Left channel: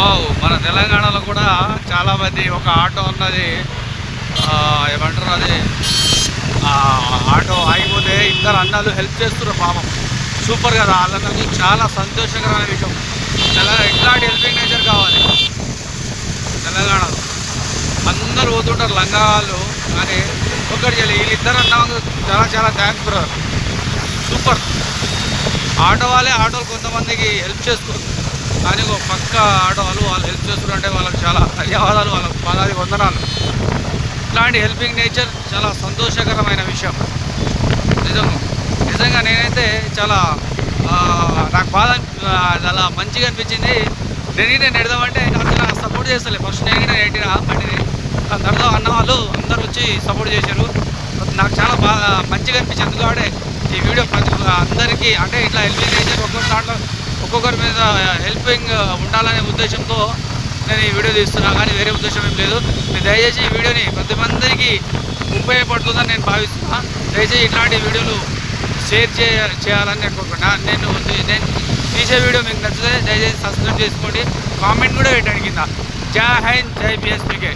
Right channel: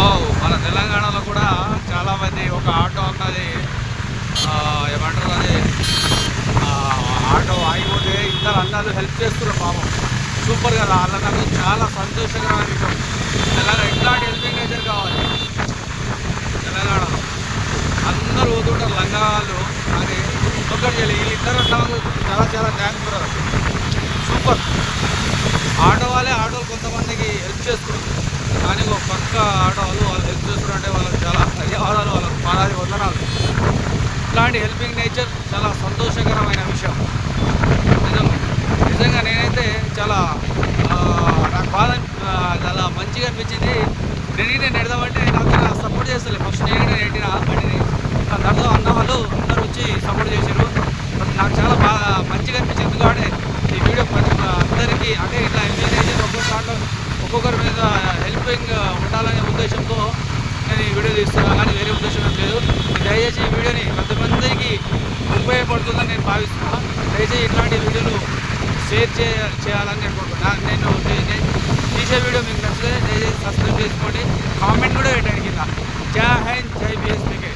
Wow మన తెలంగాణలో కూడా చాలామంది ఒక ఆటో అన్నది ఏమంటారు అది? ఆటో ఆగిపోతే ఇద్దరు అన్నలు హెల్ప్ చేస్తున్నారు పాపం. సూపర్ కదా వాళ్ళ నాకు చాలా సంతోషకరమైన విషయం. తెలంగాణ ఇట్లాంటి హెల్పింగ్ నేచర్ కావాలి? తెలంగాణలో. అందరూ పోతుంటారు లంగా వాళ్ళు కానీ ఒక్కటి చేయాలి వీళ్ళిద్దరు అన్నకు చాలా చాలా థ్యాంక్స్ బ్రదర్ సూపర్. ఆటో వాళ్ళే ఆటోలు కొంతమందికి హెల్ప్ చేస్తున్నారు. కానీ ఒక పక్క ఆడవాళ్ళు వాళ్ళు హెల్ప్ చేస్తుంటే అంటే వాళ్ళకి చాలా ధన్యవాదాలు వాళ్ళకి పాదాది వందనాలు. ఇట్లాంటి హెల్పింగ్ నేచర్ చాలా సంతోషకరమైన విషయం. నిజంగా నిజంగా నేనైతే చాలా నాకు బాధ చాలా మంచిగా అనిపించింది. నేను నేను ఎడదామంటే నాకు నా సపోర్ట్ చేస్తలే. ఫస్ట్ నేను నెట్టిన బండిని. దాని తర్వాత అన్న వాళ్ళు అందరూ వచ్చి సపోర్ట్ చేశారు. నాకు చాలా బాగా మంచిగా అనిపించింది. ఎందుకంటే ఈ వీడియో ప్రతి అందరికీ అంటే ఇట్లా హెల్పింగ్ నేచర్ ఒక్కొక్క దాంట్లో ఒక్కొక్కరి మీద హెల్పింగ్ ఉండాలనే ఉద్దేశంతో నేను ఈ వీడియో తీస్తున్నా. కానీ వేరే ఉద్దేశం ఏం లేదు. దయచేసి ఈ వీడియోని కొంతమందికి ఉపయోగపడుతుందని నేను భావిస్తున్నా. దయచేసి ఇట్లాంటి వీడియోలు షేర్ చే చేయాలని నేను కోరుకున్నా నేను నేను తీసే వీడియో మీకు నచ్చితే దయచేసి సబ్స్క్రైబ్ చేసుకోండి. కామెంట్ కూడా పెట్టండి కింద. జై హింద్ జై బిఎస్పీకే.